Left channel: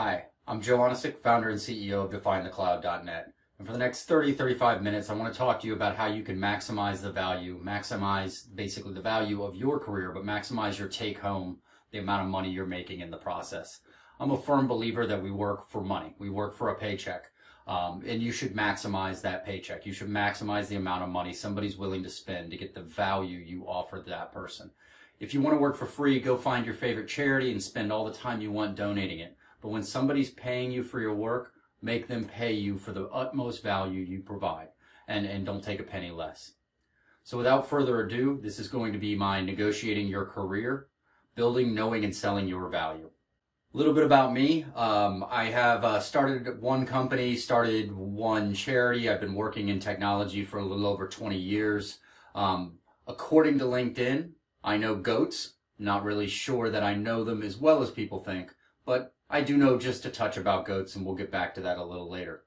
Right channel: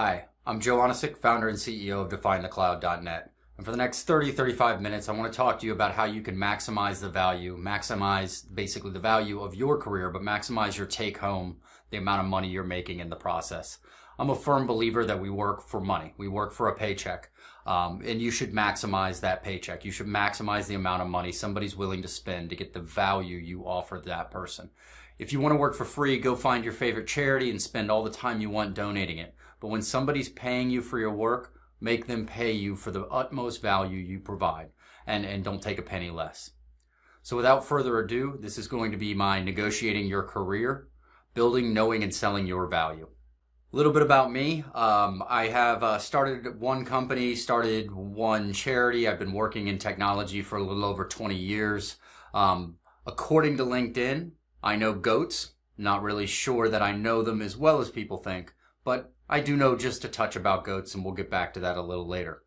Hi, I'm Joe Onisick, founder and CEO of DefineTheCloud.net. And for the next 35 minutes, I want to talk to you about how you can maximize the value, maximize basically the value of your career, but maximize your take home, the amount of money you're making in the process. I'm a firm believer that we work for money. We work for a paycheck. And you should maximize that paycheck. You should maximize the amount of money somebody's willing to spend to get the value you offer that person. If you want to work for free, go find your favorite charity and spend all the time you want donating it. But when somebody's paying you for your work, make them pay you for the utmost value you provide, and don't take a penny less. So without further ado, this is going to be my negotiating your career, building, knowing, and selling your value. A little bit about me. I have started one company, started one charity. I've been working in technology for a little over 20 years. According to LinkedIn, I know goats. Not really sure that I know them as well as people think, but I do know just a touch about goats, and we'll get back to that a little later.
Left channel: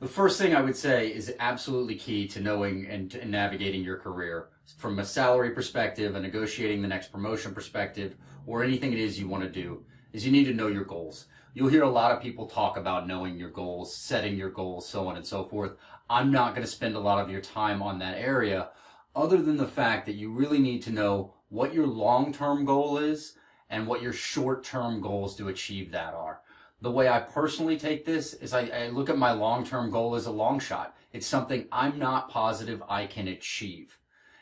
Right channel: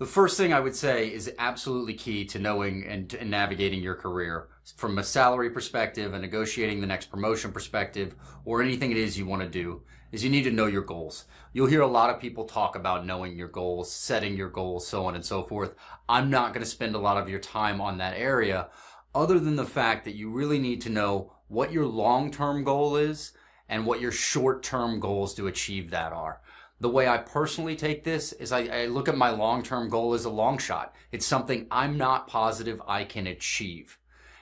The first thing I would say is absolutely key to knowing and navigating your career from a salary perspective, a negotiating the next promotion perspective, or anything it is you want to do, is you need to know your goals. You'll hear a lot of people talk about knowing your goals, setting your goals, so on and so forth. I'm not going to spend a lot of your time on that area, other than the fact that you really need to know what your long-term goal is and what your short-term goals to achieve that are. The way I personally take this is I look at my long-term goal as a long shot. It's something I'm not positive I can achieve.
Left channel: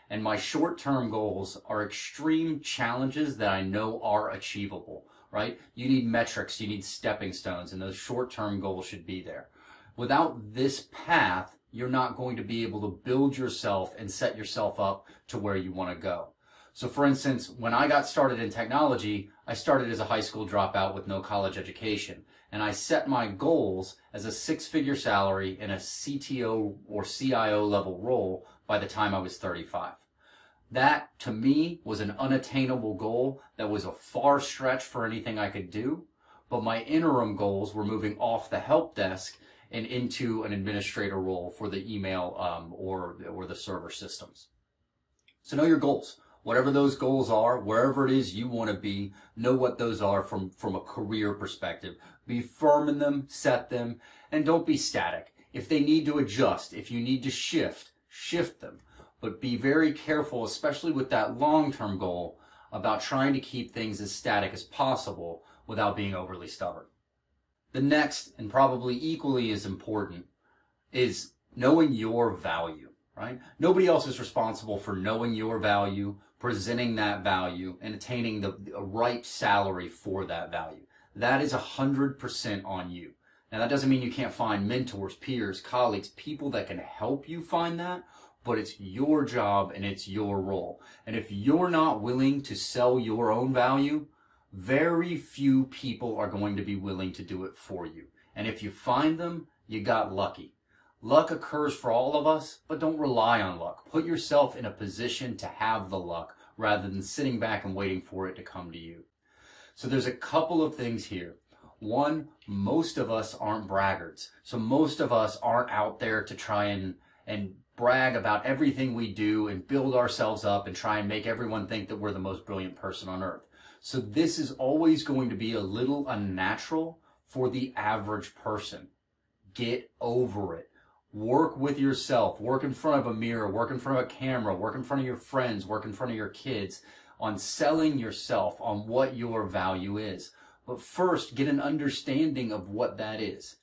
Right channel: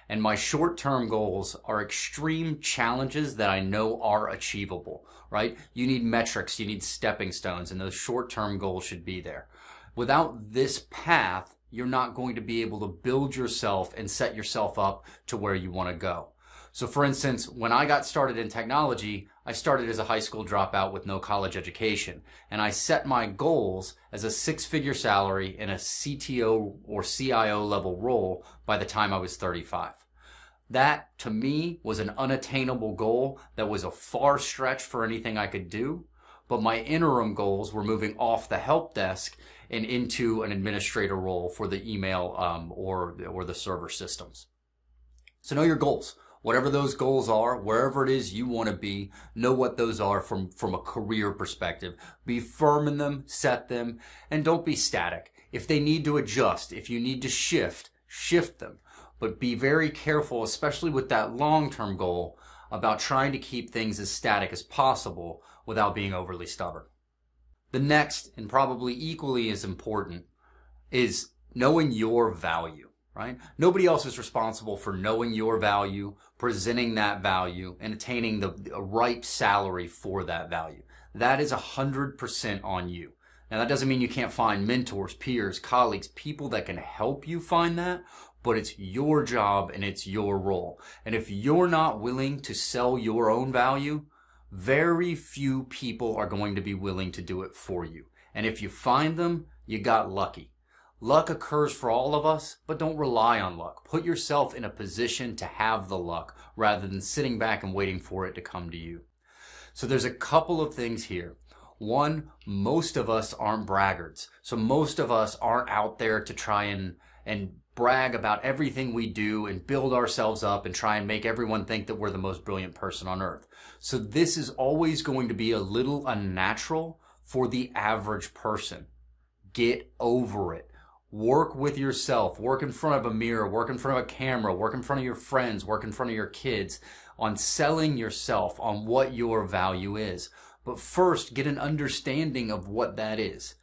And my short-term goals are extreme challenges that I know are achievable, right? You need metrics, you need stepping stones, and those short-term goals should be there. Without this path, you're not going to be able to build yourself and set yourself up to where you want to go. So for instance, when I got started in technology, I started as a high school dropout with no college education. And I set my goals as a six-figure salary in a CTO or CIO level role by the time I was 35. That, to me, was an unattainable goal that was a far stretch for anything I could do. But my interim goals were moving off the help desk and into an administrator role for the email or the server systems. So know your goals. Whatever those goals are, wherever it is you want to be, know what those are from a career perspective. Be firm in them, set them, and don't be static. If they need to adjust, if you need to shift, shift them. But be very careful, especially with that long-term goal, about trying to keep things as static as possible without being overly stubborn. The next, and probably equally as important, is knowing your value. Right? Nobody else is responsible for knowing your value, presenting that value, and attaining the right salary for that value. That is 100% on you. Now, that doesn't mean you can't find mentors, peers, colleagues, people that can help you find that, but it's your job and it's your role. And if you're not willing to sell your own value, very few people are going to be willing to do it for you. And if you find them, you got lucky. Luck occurs for all of us, but don't rely on luck. Put yourself in a position to have the luck rather than sitting back and waiting for it to come to you. So there's a couple of things here. One, most of us aren't braggarts. So most of us aren't out there to try and brag about everything we do and build ourselves up and try and make everyone think that we're the most brilliant person on earth. So this is always going to be a little unnatural for the average person. Get over it. Work with yourself, work in front of a mirror, work in front of a camera, work in front of your friends, work in front of your kids on selling yourself, on what your value is. But first, get an understanding of what that is.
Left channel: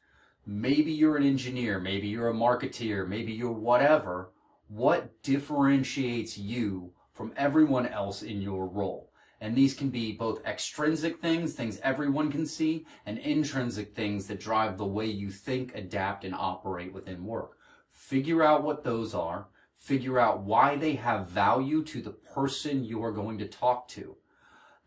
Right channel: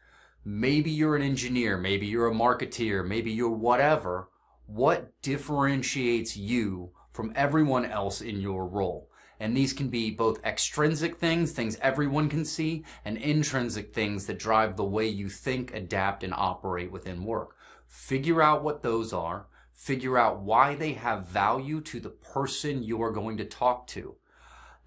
Maybe you're an engineer, maybe you're a marketeer, maybe you're whatever. What differentiates you from everyone else in your role? And these can be both extrinsic things, things everyone can see, and intrinsic things that drive the way you think, adapt, and operate within work. Figure out what those are. Figure out why they have value to the person you are going to talk to.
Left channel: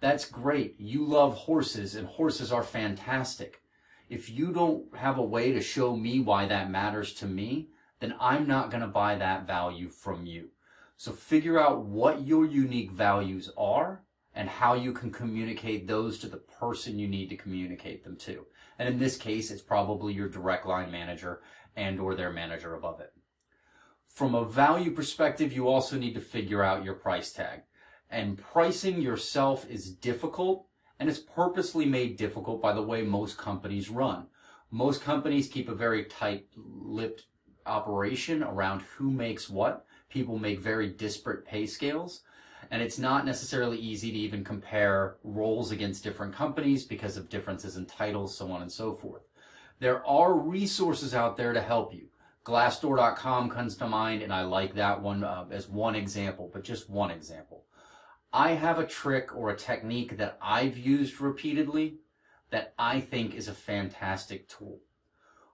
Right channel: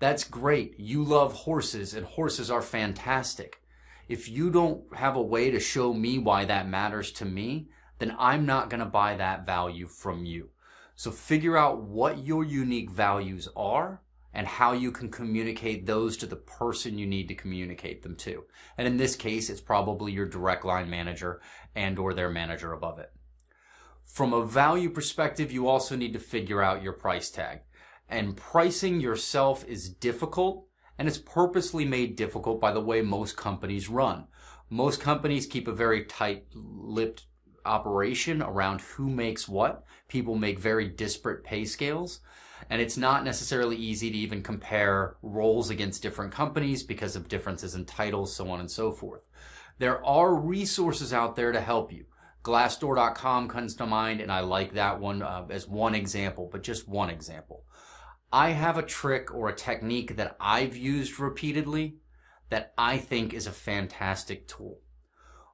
That's great. You love horses, and horses are fantastic. If you don't have a way to show me why that matters to me, then I'm not going to buy that value from you. So figure out what your unique values are, and how you can communicate those to the person you need to communicate them to. And in this case, it's probably your direct line manager and or their manager above it. From a value perspective, you also need to figure out your price tag. And pricing yourself is difficult And it's purposely made difficult by the way most companies run. Most companies keep a very tight-lipped operation around who makes what. People make very disparate pay scales. And it's not necessarily easy to even compare roles against different companies because of differences in titles, so on and so forth. There are resources out there to help you. Glassdoor.com comes to mind, and I like that one as one example, but just one example. I have a trick or a technique that I've used repeatedly that I think is a fantastic tool.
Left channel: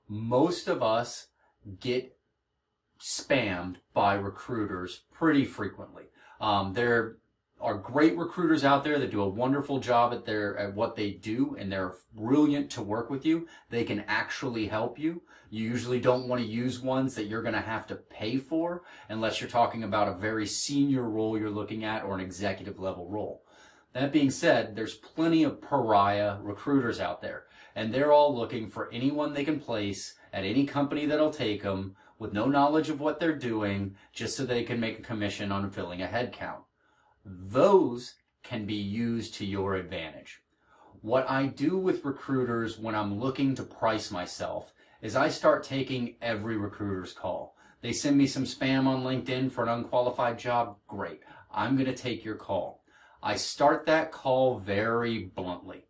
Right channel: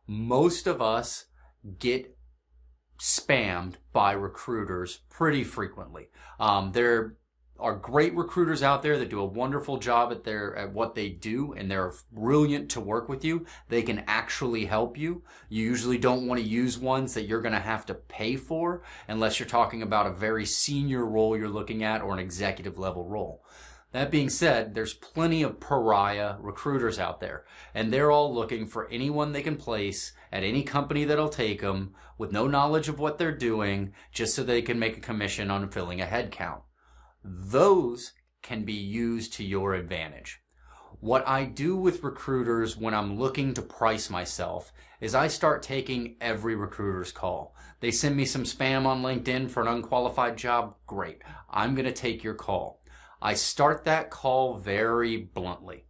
Most of us get spammed by recruiters pretty frequently. There are great recruiters out there that do a wonderful job at what they do, and they're brilliant to work with you. They can actually help you. You usually don't want to use ones that you're going to have to pay for unless you're talking about a very senior role you're looking at or an executive level role. That being said, there's plenty of pariah recruiters out there, and they're all looking for anyone they can place at any company that'll take them with no knowledge of what they're doing just so they can make a commission on filling a headcount. Those can be used to your advantage. What I do with recruiters when I'm looking to price myself is I start taking every recruiter's call. They send me some spam on LinkedIn for an unqualified job. Great. I'm going to take your call. I start that call very bluntly.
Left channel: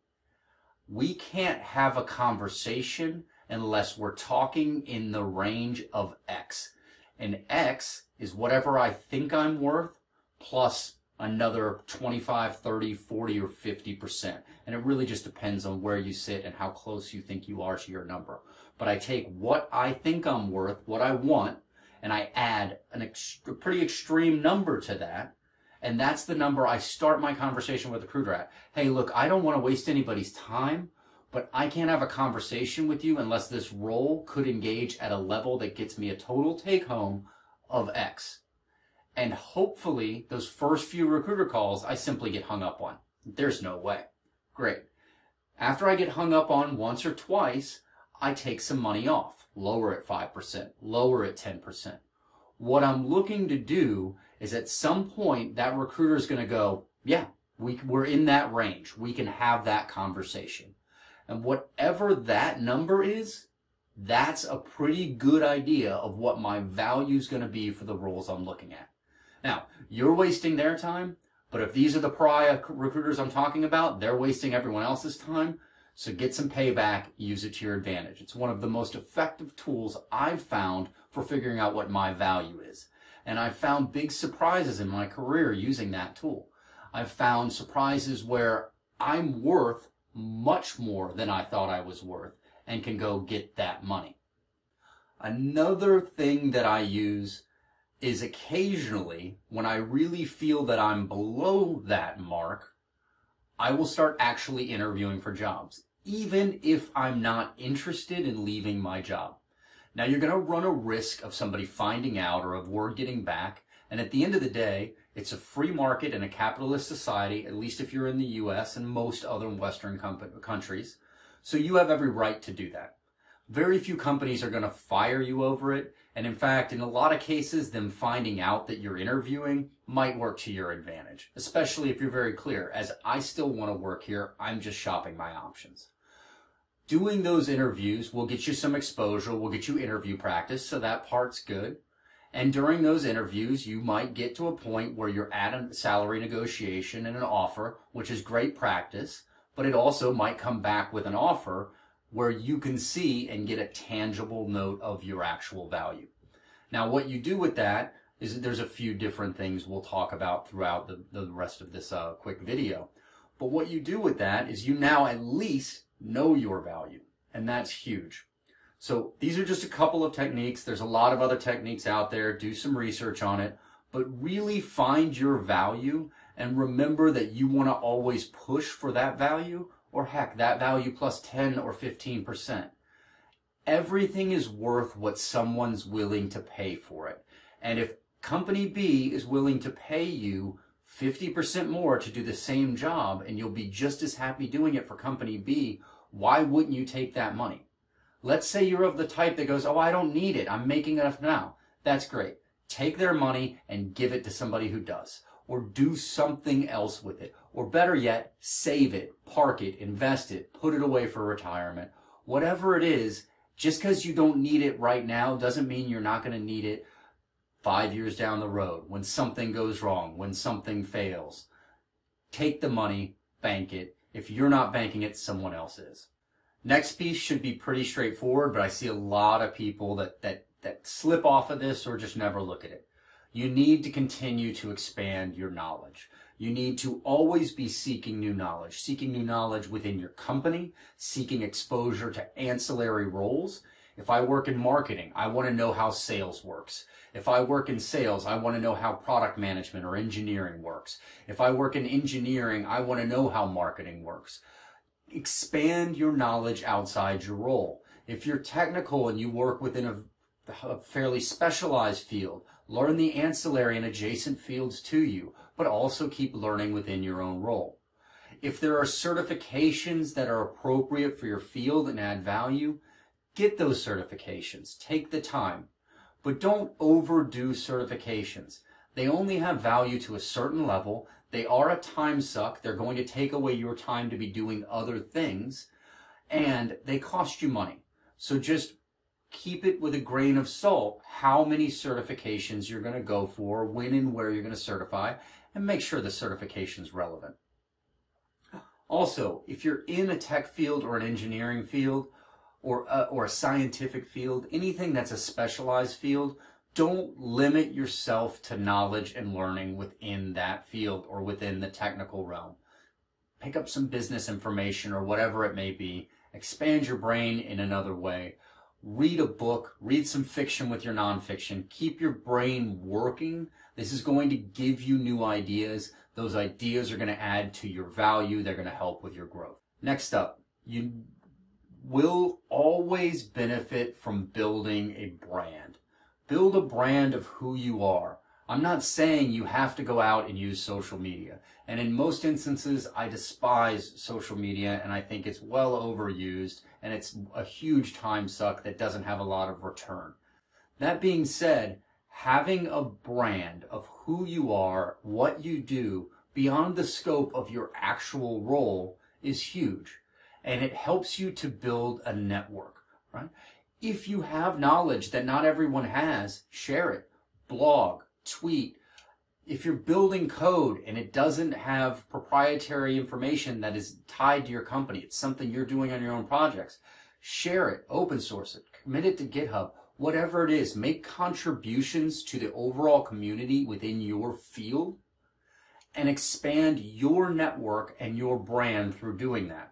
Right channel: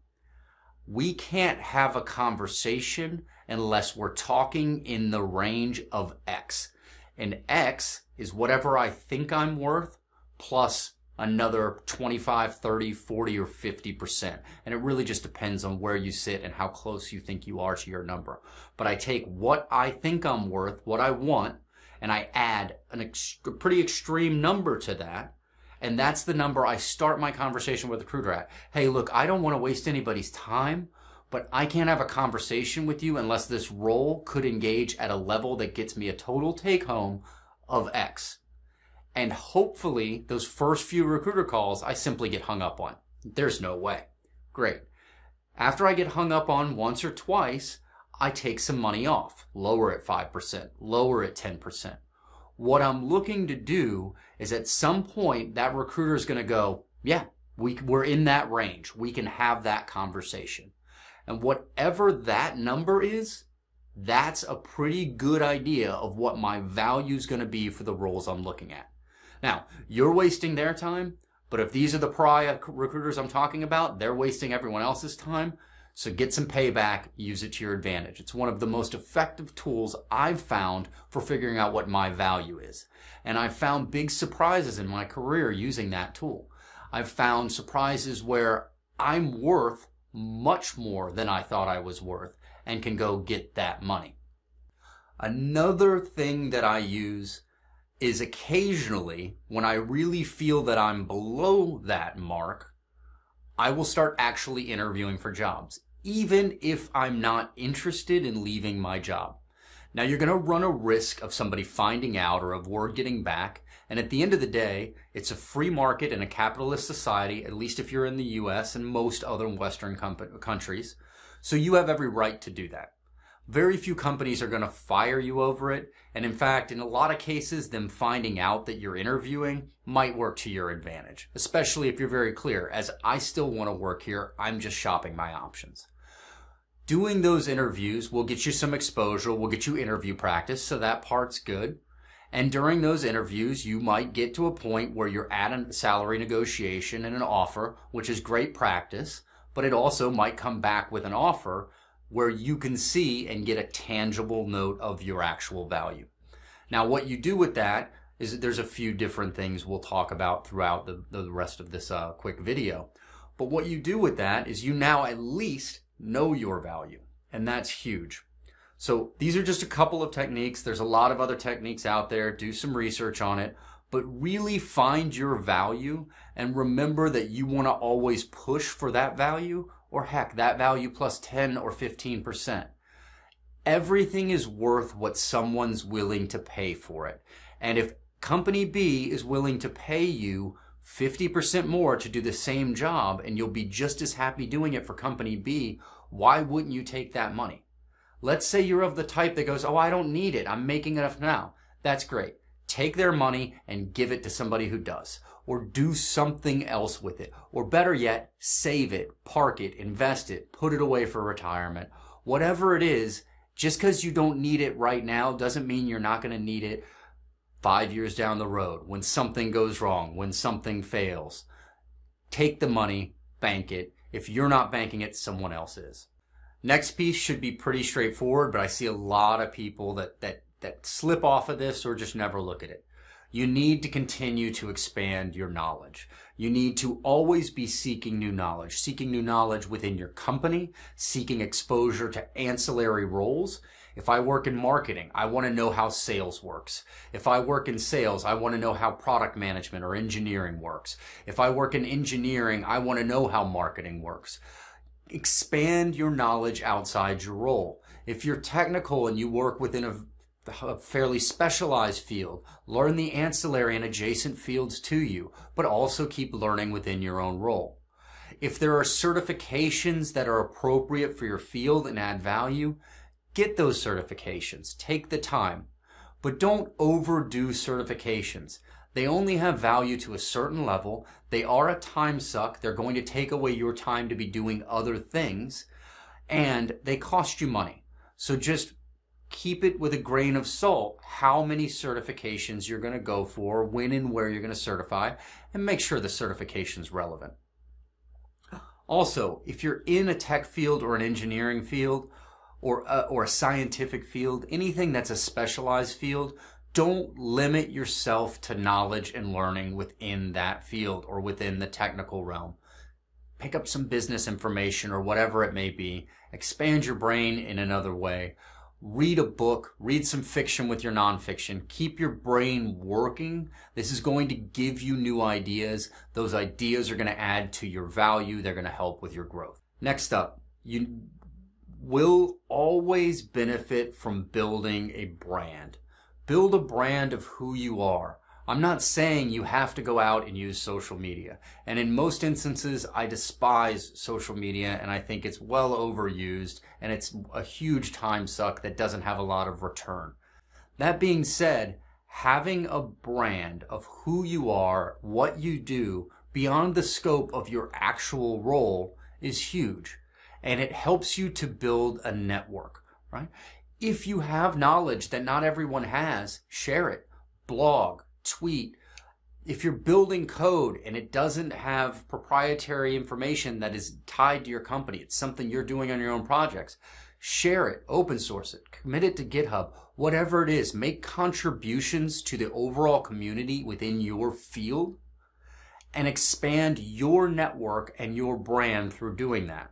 We can't have a conversation unless we're talking in the range of X. And X is whatever I think I'm worth plus another 25, 30, 40, or 50%. And it really just depends on where you sit and how close you think you are to your number. But I take what I think I'm worth, what I want, and I add a pretty extreme number to that. And that's the number I start my conversation with the recruiter at. Hey, look, I don't want to waste anybody's time, but I can't have a conversation with you unless this role could engage at a level that gets me a total take home of X. And hopefully those first few recruiter calls, I simply get hung up on. There's no way. Great. After I get hung up on once or twice, I take some money off, lower it 5%, lower it 10%. What I'm looking to do is at some point that recruiter is going to go, yeah, we're in that range. We can have that conversation. And whatever that number is, that's a pretty good idea of what my value is going to be for the roles I'm looking at. Now, you're wasting their time, but if these are the pariah recruiters I'm talking about, they're wasting everyone else's time. So get some payback, use it to your advantage. It's one of the most effective tools I've found for figuring out what my value is. And I've found big surprises in my career using that tool. I've found surprises where I'm worth much more than I thought I was worth and can go get that money. Another thing that I use is occasionally when I really feel that I'm below that mark, I will start actually interviewing for jobs, even if I'm not interested in leaving my job. Now you're going to run a risk of somebody finding out or of word getting back, and at the end of the day, it's a free market in a capitalist society, at least if you're in the US and most other Western countries, so you have every right to do that. Very few companies are going to fire you over it, and in fact, in a lot of cases, them finding out that you're interviewing might work to your advantage, especially if you're very clear, as I still want to work here, I'm just shopping my options. Doing those interviews will get you some exposure, will get you interview practice, so that part's good. And during those interviews, you might get to a point where you're at a salary negotiation and an offer, which is great practice, but it also might come back with an offer where you can see and get a tangible note of your actual value. Now, what you do with that is there's a few different things we'll talk about throughout the rest of this quick video. But what you do with that is you now at least know your value, and that's huge. So these are just a couple of techniques. There's a lot of other techniques out there. Do some research on it, but really find your value and remember that you want to always push for that value, or heck, that value plus 10 or 15%. Everything is worth what someone's willing to pay for it. And if company B is willing to pay you 50% more to do the same job and you'll be just as happy doing it for company B, why wouldn't you take that money? Let's say you're of the type that goes, oh, I don't need it. I'm making enough now. That's great. Take their money and give it to somebody who does. or do something else with it. Or better yet, save it, park it, invest it, put it away for retirement. Whatever it is, just because you don't need it right now doesn't mean you're not going to need it 5 years down the road when something goes wrong, when something fails. Take the money, bank it. If you're not banking it, someone else is. Next piece should be pretty straightforward, but I see a lot of people that slip off of this or just never look at it. You need to continue to expand your knowledge. You need to always be seeking new knowledge within your company, seeking exposure to ancillary roles. If I work in marketing, I want to know how sales works. If I work in sales, I want to know how product management or engineering works. If I work in engineering, I want to know how marketing works. Expand your knowledge outside your role. If you're technical and you work within a fairly specialized field, learn the ancillary and adjacent fields to you, but also keep learning within your own role. If there are certifications that are appropriate for your field and add value, get those certifications. Take the time, but don't overdo certifications. They only have value to a certain level. They are a time suck. They're going to take away your time to be doing other things, and they cost you money. So just keep it with a grain of salt how many certifications you're going to go for, when and where you're going to certify, and make sure the certification's relevant. Also, if you're in a tech field or an engineering field or a scientific field, anything that's a specialized field, don't limit yourself to knowledge and learning within that field or within the technical realm. Pick up some business information or whatever it may be. Expand your brain in another way. Read a book, read some fiction with your nonfiction. Keep your brain working. This is going to give you new ideas. Those ideas are going to add to your value. They're going to help with your growth. Next up, you will always benefit from building a brand. Build a brand of who you are. I'm not saying you have to go out and use social media. And in most instances, I despise social media and I think it's well overused and it's a huge time suck that doesn't have a lot of return. That being said, having a brand of who you are, what you do, beyond the scope of your actual role is huge. And it helps you to build a network, right? If you have knowledge that not everyone has, share it. Blog, tweet. If you're building code and it doesn't have proprietary information that is tied to your company, it's something you're doing on your own projects, share it, open source it, commit it to GitHub, whatever it is, make contributions to the overall community within your field and expand your network and your brand through doing that.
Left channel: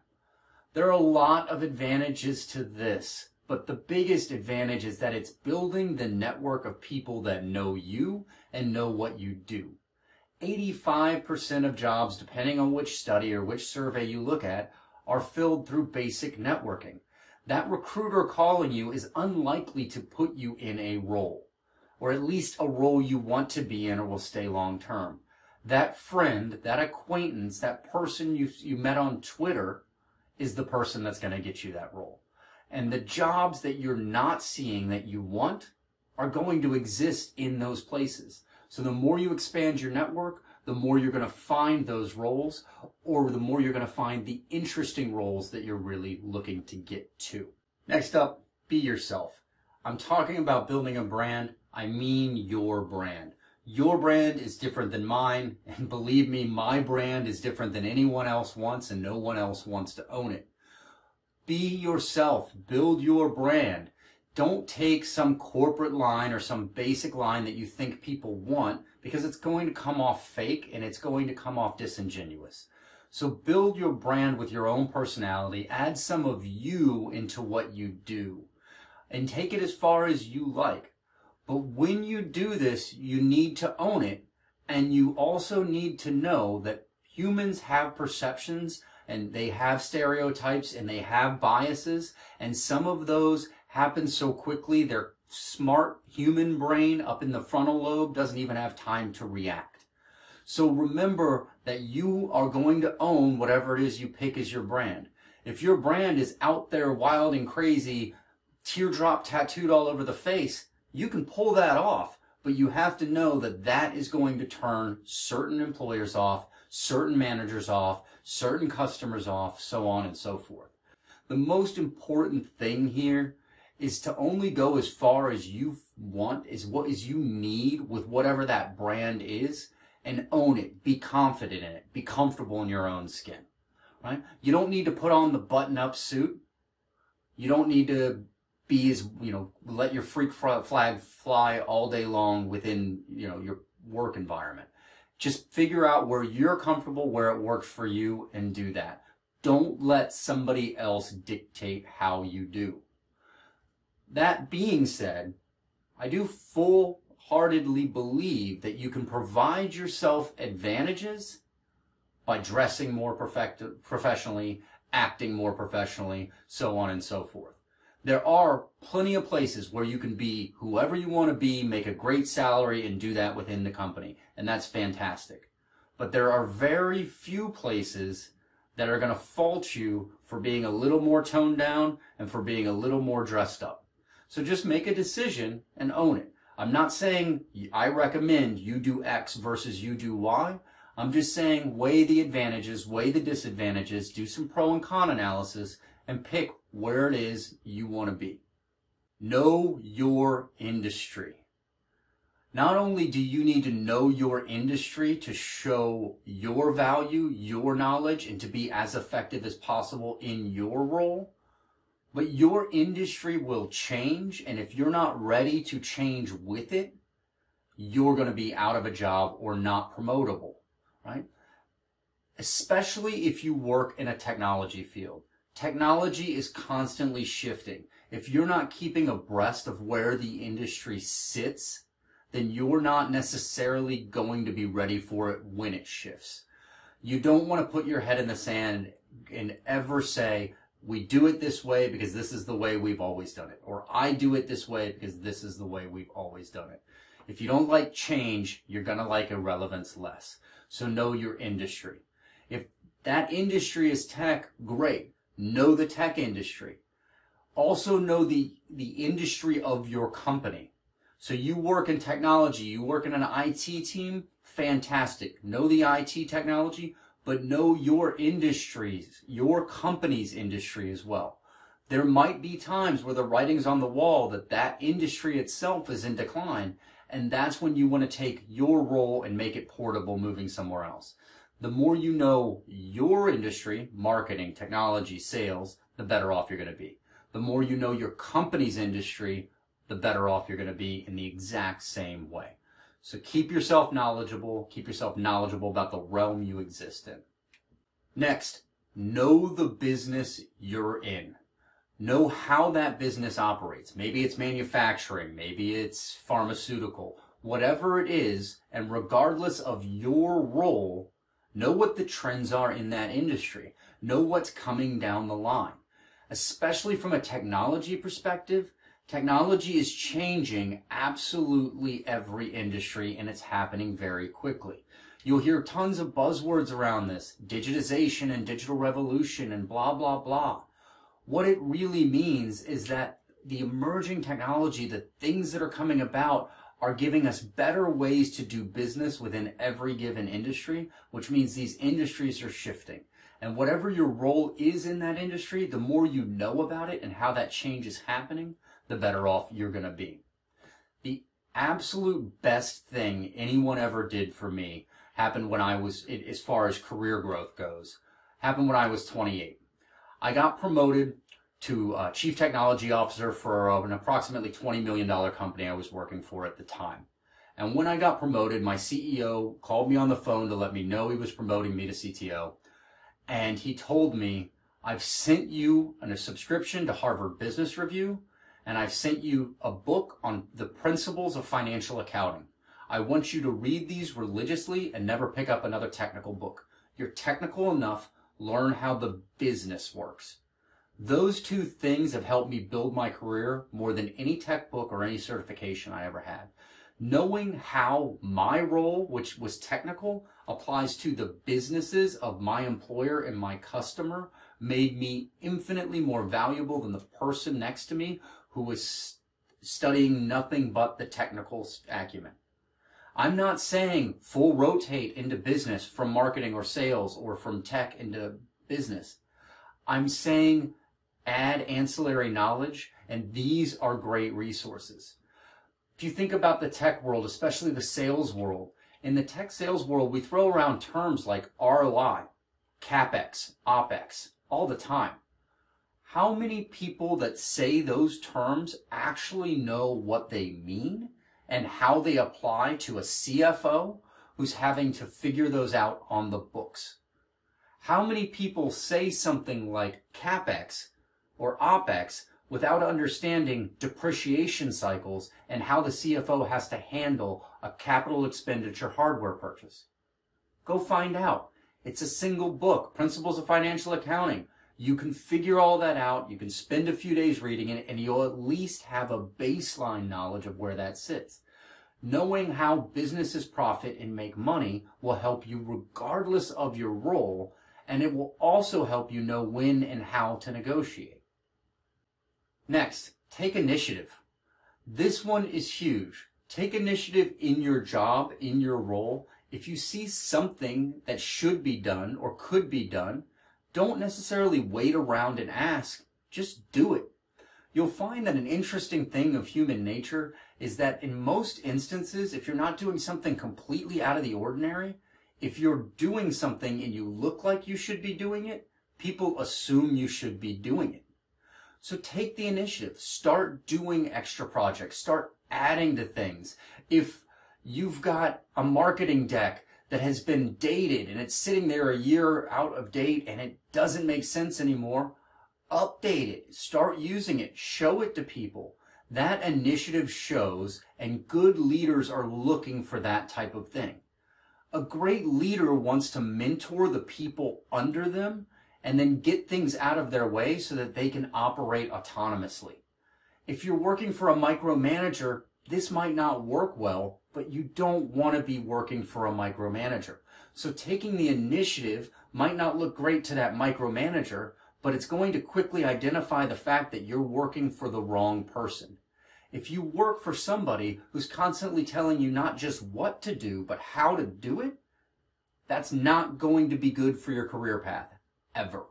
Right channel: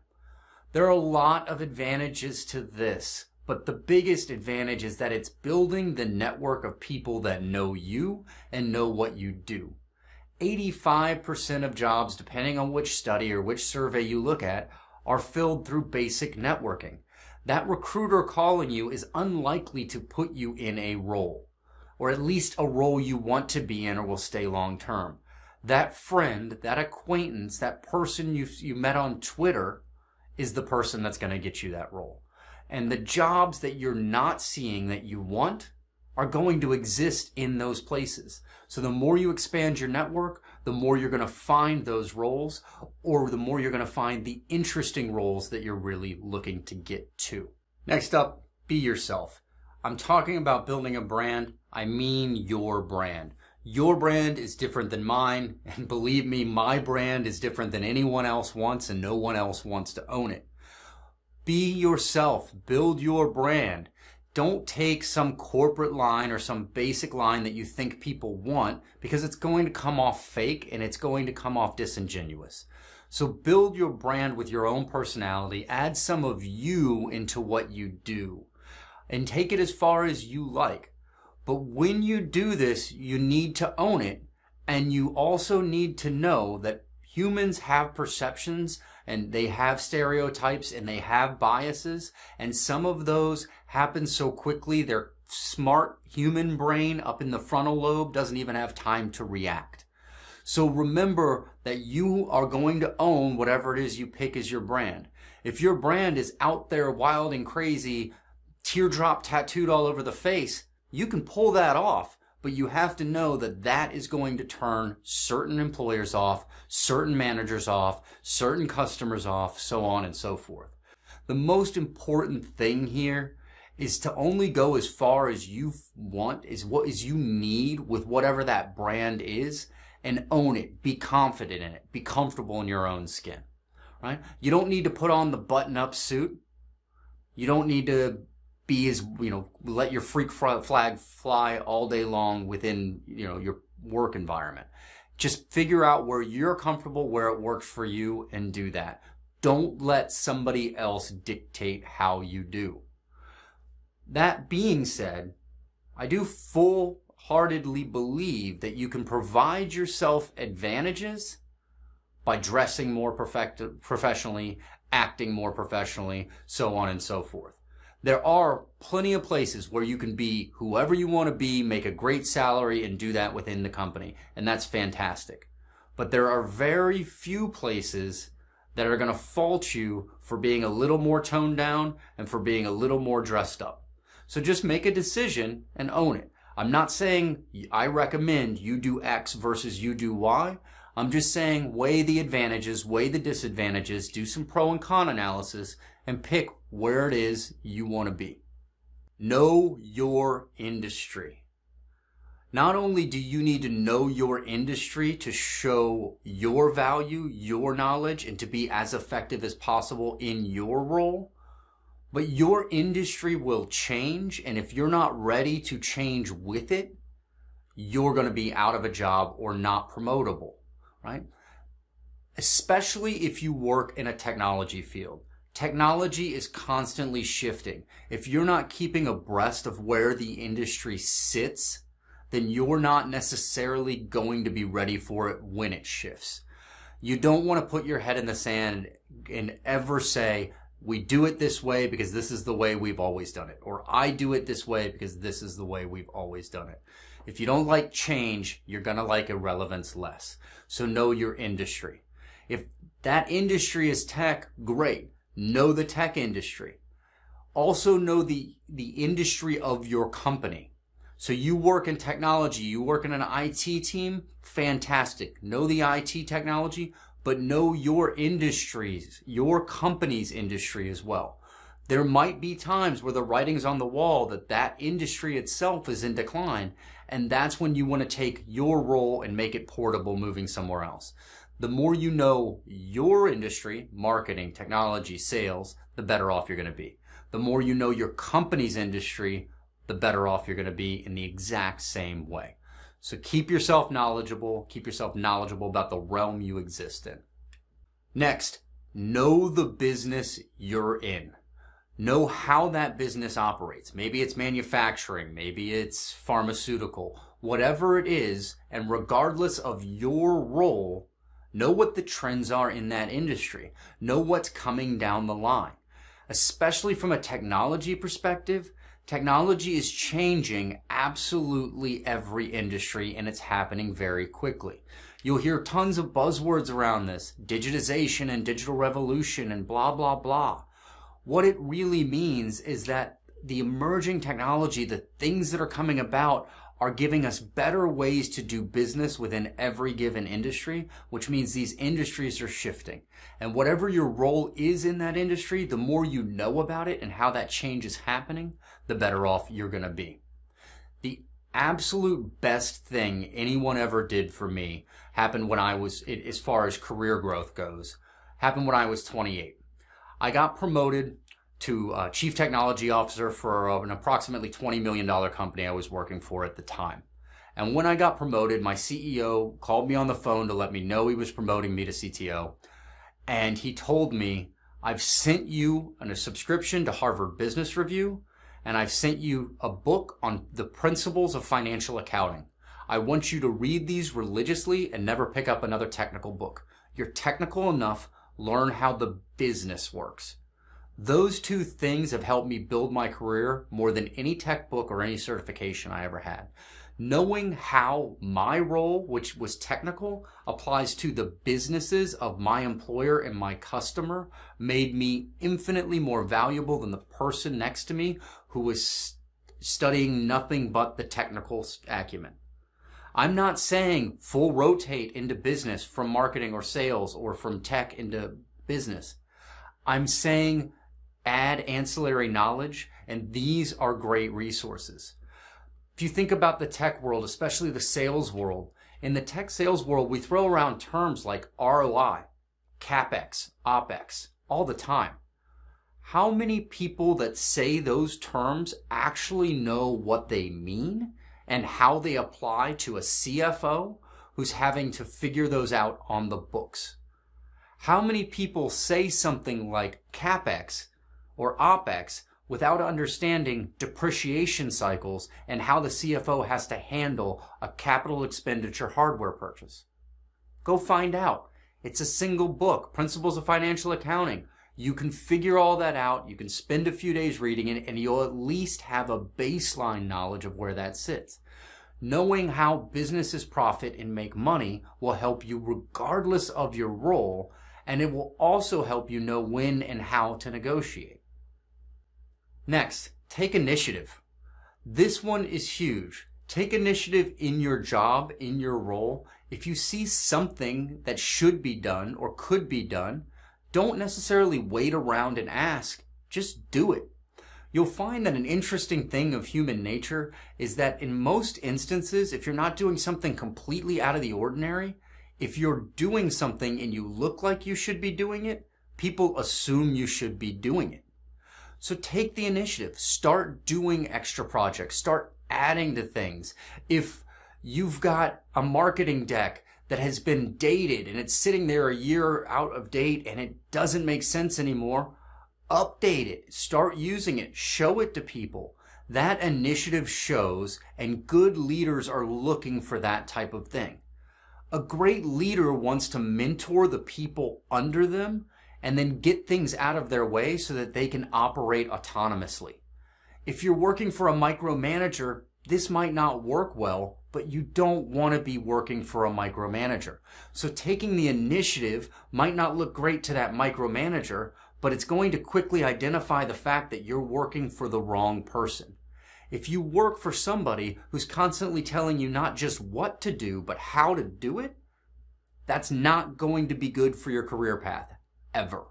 There are a lot of advantages to this. But the biggest advantage is that it's building the network of people that know you and know what you do. 85% of jobs, depending on which study or which survey you look at, are filled through basic networking. That recruiter calling you is unlikely to put you in a role, or at least a role you want to be in or will stay long term. That friend, that acquaintance, that person you met on Twitter is the person that's going to get you that role. And the jobs that you're not seeing that you want are going to exist in those places. So the more you expand your network, the more you're going to find those roles, or the more you're going to find the interesting roles that you're really looking to get to. Next up, be yourself. I'm talking about building a brand. I mean your brand. Your brand is different than mine, and believe me, my brand is different than anyone else wants, and no one else wants to own it. Be yourself. Build your brand. Don't take some corporate line or some basic line that you think people want, because it's going to come off fake and it's going to come off disingenuous. So build your brand with your own personality. Add some of you into what you do and take it as far as you like. But when you do this, you need to own it, and you also need to know that humans have perceptions and they have stereotypes and they have biases, and some of those happen so quickly their smart human brain up in the frontal lobe doesn't even have time to react. So remember that you are going to own whatever it is you pick as your brand. If your brand is out there wild and crazy, teardrop tattooed all over the face, you can pull that off, but you have to know that that is going to turn certain employers off, certain managers off, certain customers off, so on and so forth. The most important thing here is to only go as far as you want, is what is you need with whatever that brand is, and own it. Be confident in it. Be comfortable in your own skin. Right? You don't need to put on the button-up suit. You don't need to be as, let your freak flag fly all day long within, your work environment. Just figure out where you're comfortable, where it works for you, and do that. Don't let somebody else dictate how you do. That being said, I do full-heartedly believe that you can provide yourself advantages by dressing more professionally, acting more professionally, so on and so forth. There are plenty of places where you can be whoever you want to be, make a great salary, and do that within the company, and that's fantastic. But there are very few places that are going to fault you for being a little more toned down and for being a little more dressed up. So just make a decision and own it. I'm not saying I recommend you do X versus you do Y. I'm just saying weigh the advantages, weigh the disadvantages, do some pro and con analysis, and pick where it is you want to be. Know your industry. Not only do you need to know your industry to show your value, your knowledge, and to be as effective as possible in your role, but your industry will change, and if you're not ready to change with it, you're going to be out of a job or not promotable, right? Especially if you work in a technology field. Technology is constantly shifting. If you're not keeping abreast of where the industry sits, then you're not necessarily going to be ready for it when it shifts. You don't want to put your head in the sand and ever say, we do it this way because this is the way we've always done it. Or I do it this way because this is the way we've always done it. If you don't like change, you're going to like irrelevance less. So know your industry. If that industry is tech, great. Know the tech industry. Also know the industry of your company. So you work in technology, you work in an IT team, fantastic. Know the IT technology, but know your industries, your company's industry as well. There might be times where the writing's on the wall that that industry itself is in decline, and that's when you want to take your role and make it portable moving somewhere else. The more you know your industry, marketing, technology, sales, the better off you're going to be. The more you know your company's industry, the better off you're going to be in the exact same way. So keep yourself knowledgeable about the realm you exist in. Next, know the business you're in. Know how that business operates. Maybe it's manufacturing, maybe it's pharmaceutical, whatever it is, and regardless of your role, know what the trends are in that industry. Know what's coming down the line. Especially from a technology perspective, technology is changing absolutely every industry, and it's happening very quickly. You'll hear tons of buzzwords around this, digitization and digital revolution and blah, blah, blah. What it really means is that the emerging technology, the things that are coming about, are giving us better ways to do business within every given industry, which means these industries are shifting. And whatever your role is in that industry, the more you know about it and how that change is happening, the better off you're going to be. The absolute best thing anyone ever did for me happened when I was, as far as career growth goes, happened when I was 28. I got promoted to Chief Technology Officer for an approximately $20 million company I was working for at the time. And when I got promoted, my CEO called me on the phone to let me know he was promoting me to CTO. And he told me, I've sent you a subscription to Harvard Business Review, and I've sent you a book on the principles of financial accounting. I want you to read these religiously and never pick up another technical book. You're technical enough, learn how the business works. Those two things have helped me build my career more than any tech book or any certification I ever had. Knowing how my role, which was technical, applies to the businesses of my employer and my customer made me infinitely more valuable than the person next to me who was studying nothing but the technical acumen. I'm not saying full rotate into business from marketing or sales or from tech into business. I'm saying add ancillary knowledge, and these are great resources. If you think about the tech world, especially the sales world, in the tech sales world, we throw around terms like ROI, CapEx, OpEx all the time. How many people that say those terms actually know what they mean and how they apply to a CFO who's having to figure those out on the books? How many people say something like CapEx or OpEx without understanding depreciation cycles and how the CFO has to handle a capital expenditure hardware purchase? Go find out. It's a single book, Principles of Financial Accounting. You can figure all that out. You can spend a few days reading it, and you'll at least have a baseline knowledge of where that sits. Knowing how businesses profit and make money will help you regardless of your role, and it will also help you know when and how to negotiate. Next, take initiative. This one is huge. Take initiative in your job, in your role. If you see something that should be done or could be done, don't necessarily wait around and ask, just do it. You'll find that an interesting thing of human nature is that in most instances, if you're not doing something completely out of the ordinary, if you're doing something and you look like you should be doing it, people assume you should be doing it. So take the initiative, start doing extra projects, start adding to things. If you've got a marketing deck that has been dated and it's sitting there a year out of date and it doesn't make sense anymore, update it, start using it, show it to people. That initiative shows, and good leaders are looking for that type of thing. A great leader wants to mentor the people under them and then get things out of their way so that they can operate autonomously. If you're working for a micromanager, this might not work well, but you don't want to be working for a micromanager. So taking the initiative might not look great to that micromanager, but it's going to quickly identify the fact that you're working for the wrong person. If you work for somebody who's constantly telling you not just what to do, but how to do it, that's not going to be good for your career path, ever.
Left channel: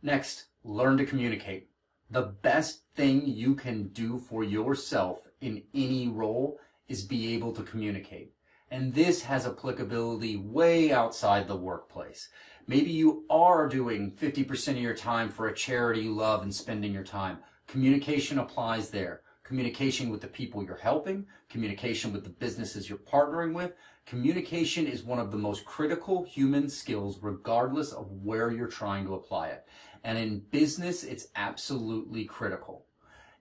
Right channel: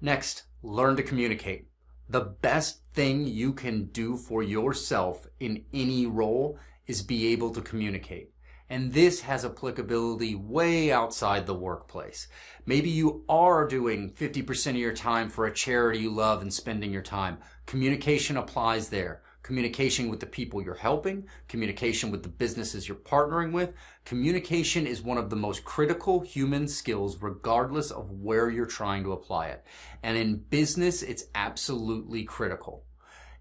Next, learn to communicate. The best thing you can do for yourself in any role is be able to communicate. And this has applicability way outside the workplace. Maybe you are doing 50% of your time for a charity you love and spending your time. Communication applies there. Communication with the people you're helping, communication with the businesses you're partnering with. Communication is one of the most critical human skills regardless of where you're trying to apply it. And in business, it's absolutely critical.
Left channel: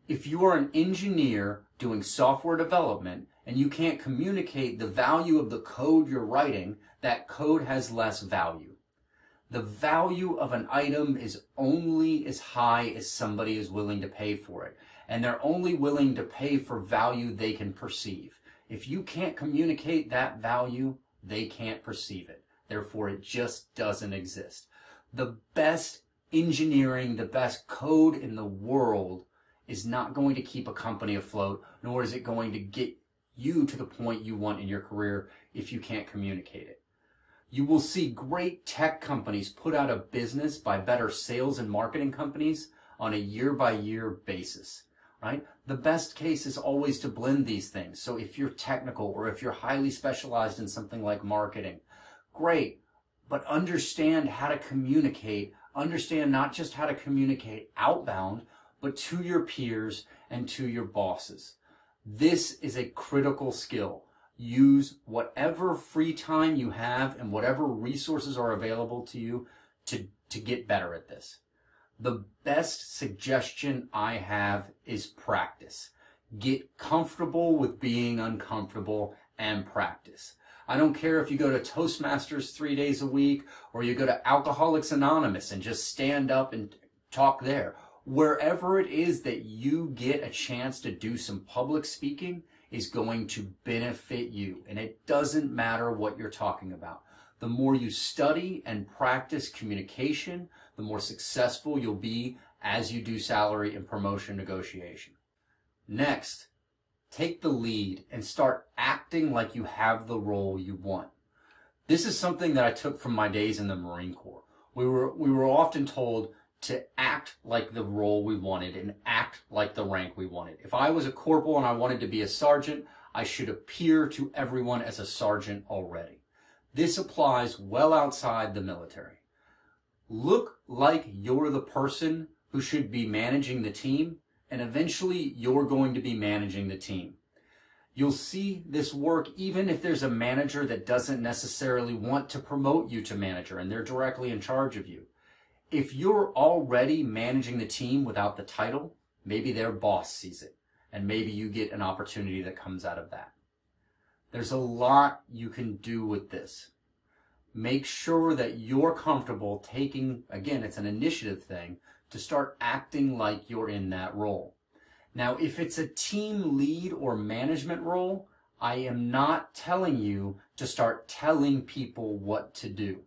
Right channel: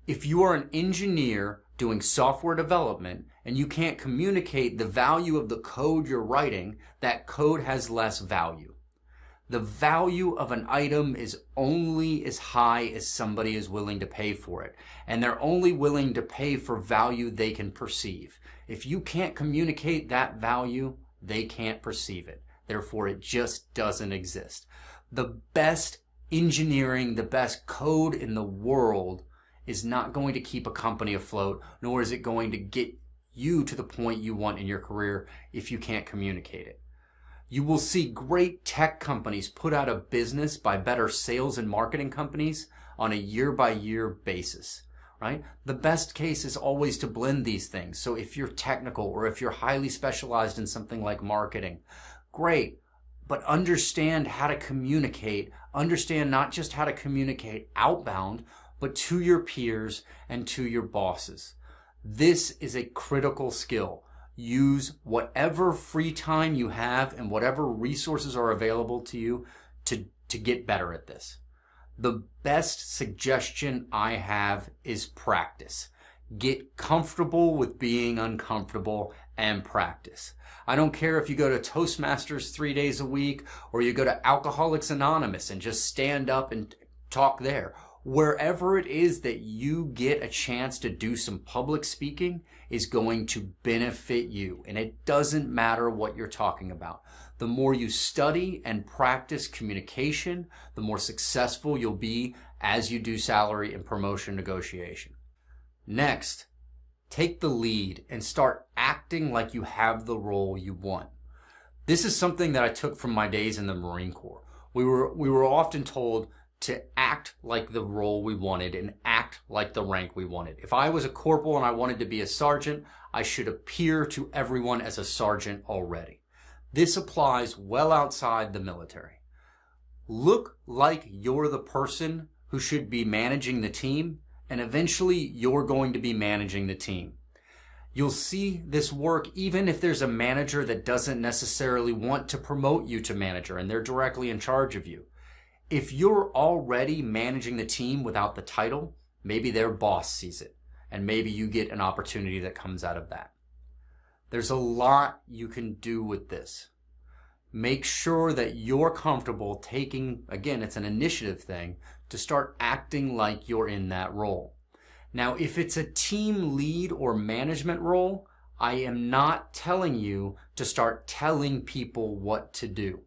If you are an engineer doing software development and you can't communicate the value of the code you're writing, that code has less value. The value of an item is only as high as somebody is willing to pay for it. And they're only willing to pay for value they can perceive. If you can't communicate that value, they can't perceive it. Therefore, it just doesn't exist. The best engineering, the best code in the world is not going to keep a company afloat, nor is it going to get you to the point you want in your career if you can't communicate it. You will see great tech companies put out of business by better sales and marketing companies on a year-by-year basis. Right? The best case is always to blend these things. So if you're technical or if you're highly specialized in something like marketing, great, but understand how to communicate. Understand not just how to communicate outbound, but to your peers and to your bosses. This is a critical skill. Use whatever free time you have and whatever resources are available to you to get better at this. The best suggestion I have is practice. Get comfortable with being uncomfortable and practice. I don't care if you go to Toastmasters 3 days a week or you go to Alcoholics Anonymous and just stand up and talk there. Wherever it is that you get a chance to do some public speaking is going to benefit you. And it doesn't matter what you're talking about. The more you study and practice communication, the more successful you'll be as you do salary and promotion negotiation. Next, Take the lead and start acting like you have the role you want. This is something that I took from my days in the Marine Corps. We were often told to act like the role we wanted and act like the rank we wanted. If I was a corporal and I wanted to be a sergeant, I should appear to everyone as a sergeant already. This applies well outside the military. Look like you're the person who should be managing the team, and eventually you're going to be managing the team. You'll see this work even if there's a manager that doesn't necessarily want to promote you to manager and they're directly in charge of you. If you're already managing the team without the title, maybe their boss sees it, and maybe you get an opportunity that comes out of that. There's a lot you can do with this. Make sure that you're comfortable taking, again, it's an initiative thing, to start acting like you're in that role. Now, if it's a team lead or management role, I am not telling you to start telling people what to do.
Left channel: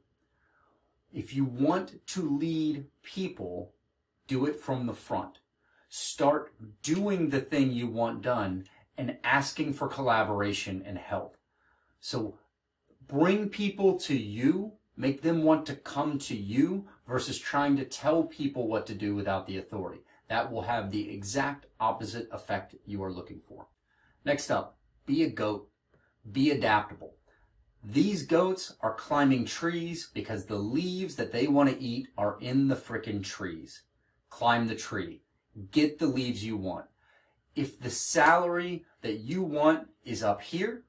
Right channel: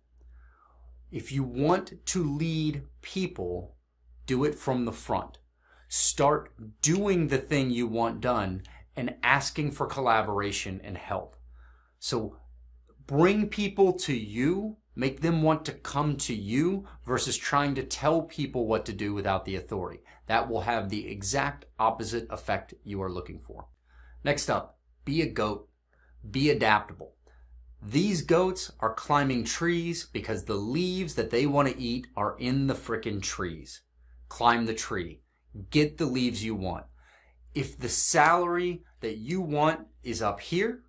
If you want to lead people, do it from the front. Start doing the thing you want done and asking for collaboration and help. So bring people to you, make them want to come to you versus trying to tell people what to do without the authority. That will have the exact opposite effect you are looking for. Next up, be a goat. Be adaptable. These goats are climbing trees because the leaves that they want to eat are in the frickin' trees. Climb the tree. Get the leaves you want. If the salary that you want is up here,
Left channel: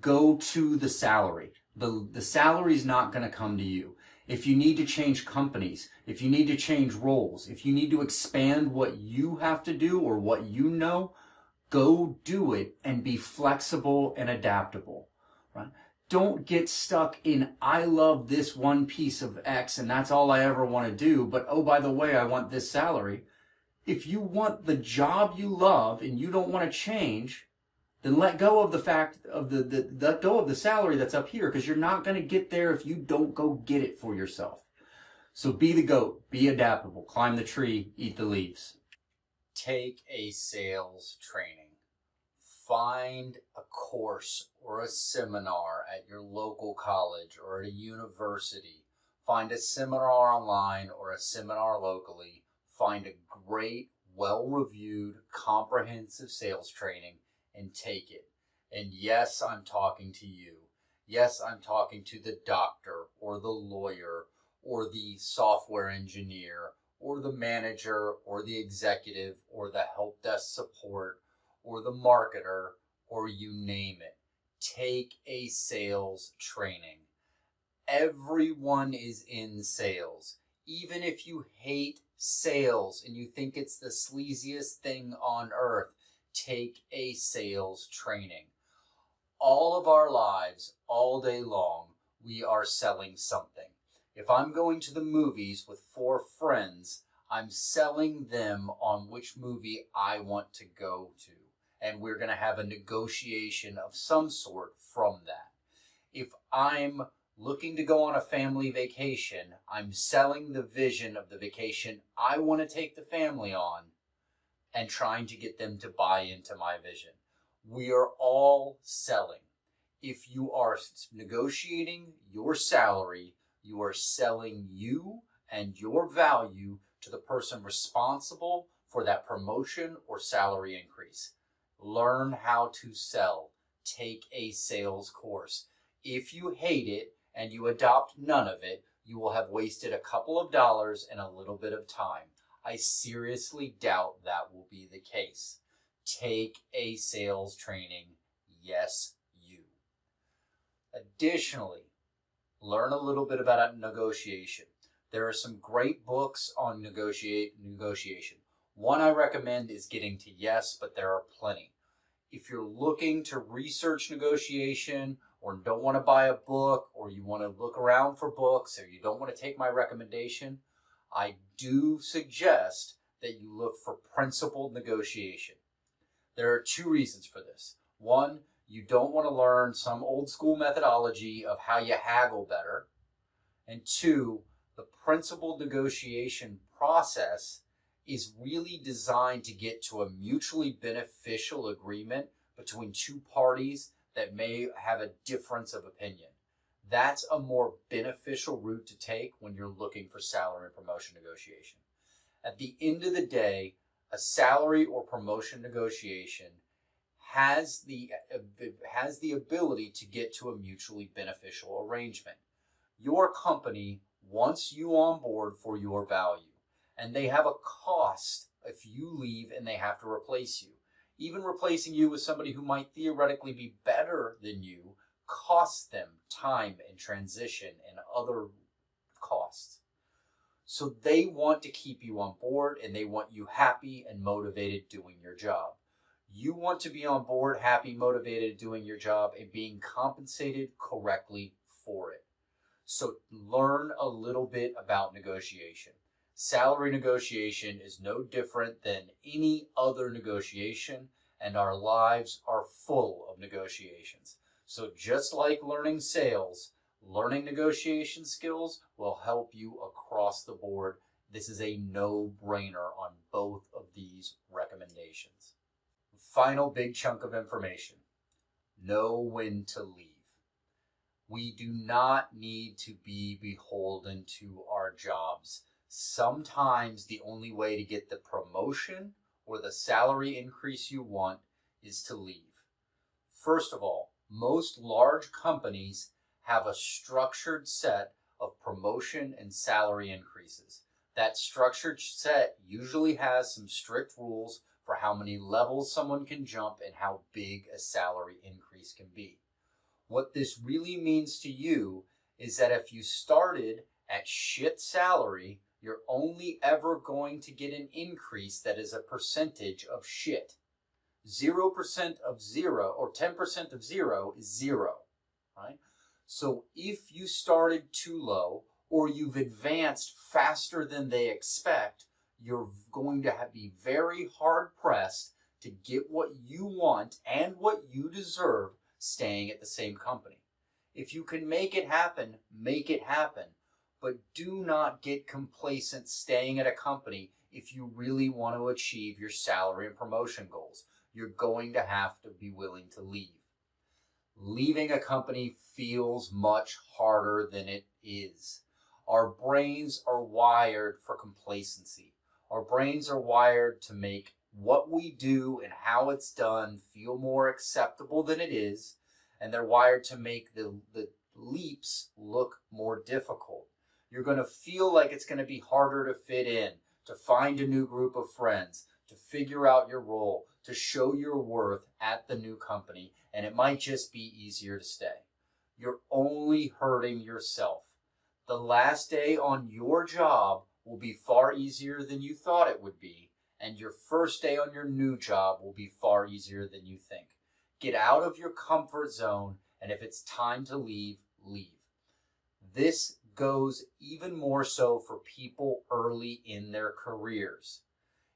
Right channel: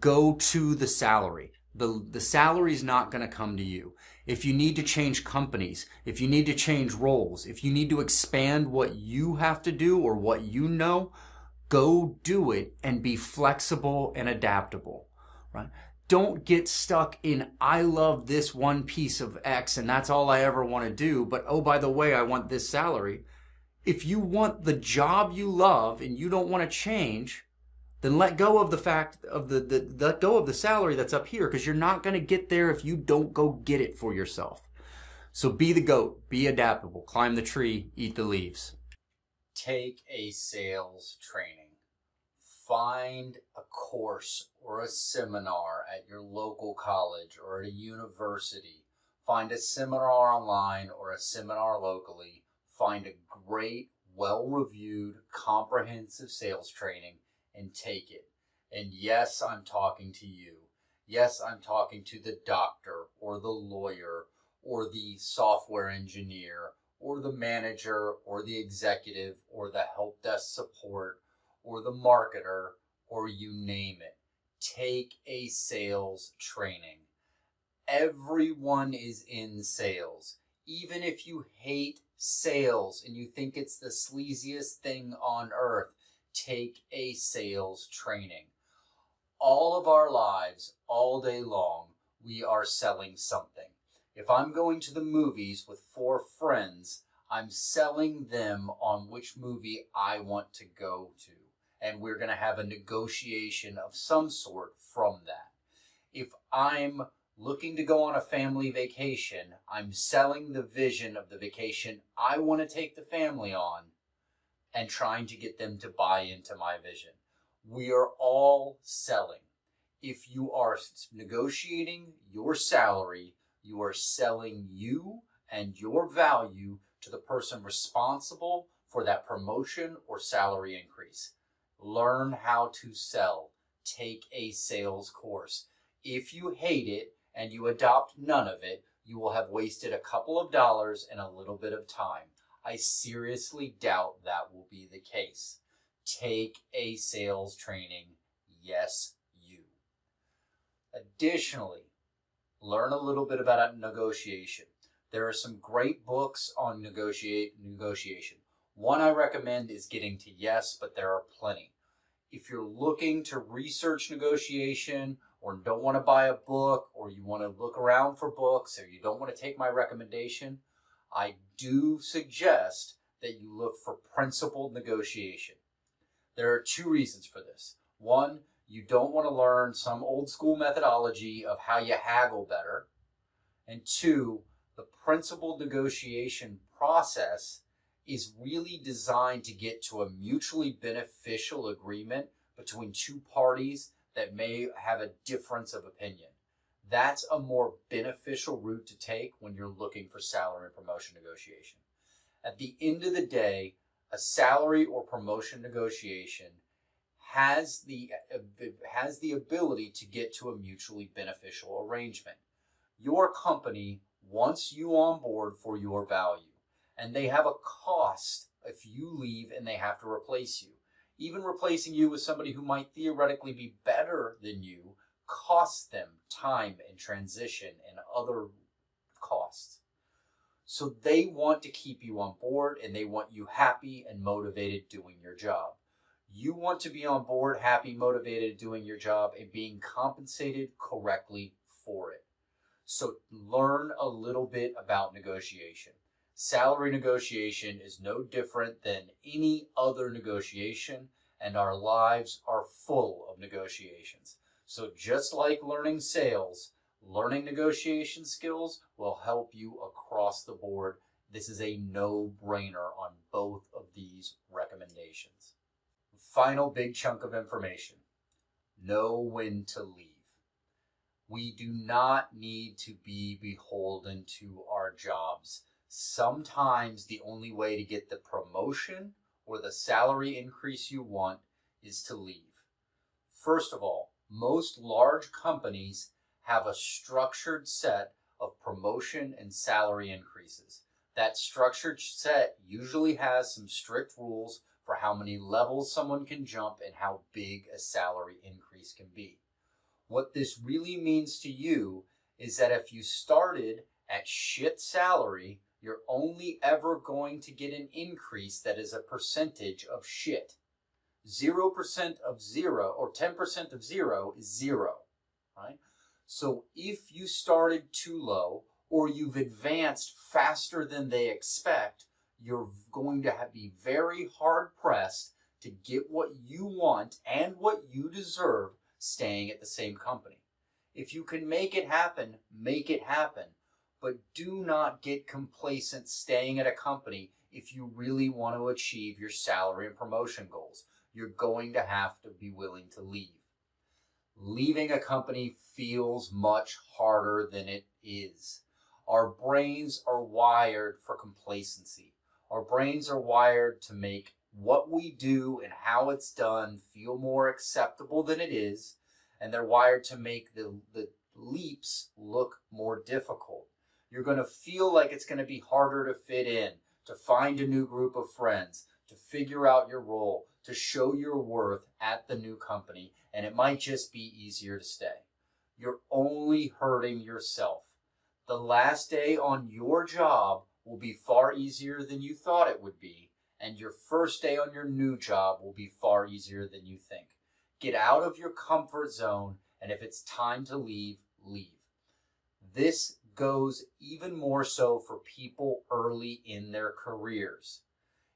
go to the salary. The salary is not going to come to you. If you need to change companies, if you need to change roles, if you need to expand what you have to do or what you know, go do it and be flexible and adaptable, right? Don't get stuck in, I love this one piece of X and that's all I ever want to do, but oh, by the way, I want this salary. If you want the job you love and you don't want to change, then let go of the fact of let go of the salary that's up here, because you're not going to get there if you don't go get it for yourself. So be the goat, be adaptable, climb the tree, eat the leaves. Take a sales training. Find a course or a seminar at your local college or at a university. Find a seminar online or a seminar locally. Find a great, well-reviewed, comprehensive sales training and take it. And yes, I'm talking to you. Yes, I'm talking to the doctor or the lawyer or the software engineer or the manager or the executive or the help desk support or the marketer, or you name it. Take a sales training. Everyone is in sales. Even if you hate sales and you think it's the sleaziest thing on earth, take a sales training. All of our lives, all day long, we are selling something. If I'm going to the movies with 4 friends, I'm selling them on which movie I want to go to. And we're going to have a negotiation of some sort from that. If I'm looking to go on a family vacation, I'm selling the vision of the vacation I want to take the family on and trying to get them to buy into my vision. We are all selling. If you are negotiating your salary, you are selling you and your value to the person responsible for that promotion or salary increase. Learn how to sell. Take a sales course. If you hate it and you adopt none of it, you will have wasted a couple of dollars and a little bit of time. I seriously doubt that will be the case. Take a sales training. Yes, you. Additionally, learn a little bit about negotiation. There are some great books on negotiation. One I recommend is Getting to Yes, but there are plenty. If you're looking to research negotiation or don't want to buy a book or you want to look around for books or you don't want to take my recommendation, I do suggest that you look for principled negotiation. There are 2 reasons for this. One, you don't want to learn some old school methodology of how you haggle better. And 2, the principled negotiation process is really designed to get to a mutually beneficial agreement between two parties that may have a difference of opinion. That's a more beneficial route to take when you're looking for salary and promotion negotiation. At the end of the day, a salary or promotion negotiation has the ability to get to a mutually beneficial arrangement. Your company wants you on board for your value, and they have a cost if you leave and they have to replace you. Even replacing you with somebody who might theoretically be better than you costs them time and transition and other costs. So they want to keep you on board, and they want you happy and motivated doing your job. You want to be on board, happy, motivated, doing your job, and being compensated correctly for it. So learn a little bit about negotiation. Salary negotiation is no different than any other negotiation, and our lives are full of negotiations. So just like learning sales, learning negotiation skills will help you across the board. This is a no-brainer on both of these recommendations. Final big chunk of information. Know when to leave. We do not need to be beholden to our jobs. Sometimes the only way to get the promotion or the salary increase you want is to leave. First of all, most large companies have a structured set of promotion and salary increases. That structured set usually has some strict rules for how many levels someone can jump and how big a salary increase can be. What this really means to you is that if you started at shit salary, you're only ever going to get an increase that is a percentage of shit. 0% of 0 or 10% of 0 is 0, right? So if you started too low or you've advanced faster than they expect, you're going to be very hard pressed to get what you want and what you deserve staying at the same company. If you can make it happen, make it happen. But do not get complacent staying at a company if you really want to achieve your salary and promotion goals. You're going to have to be willing to leave. Leaving a company feels much harder than it is. Our brains are wired for complacency. Our brains are wired to make what we do and how it's done feel more acceptable than it is, and they're wired to make the leaps look more difficult. You're going to feel like it's going to be harder to fit in, to find a new group of friends, to figure out your role, to show your worth at the new company, and it might just be easier to stay. You're only hurting yourself. The last day on your job will be far easier than you thought it would be, and your first day on your new job will be far easier than you think. Get out of your comfort zone, and if it's time to leave, leave. This goes even more so for people early in their careers.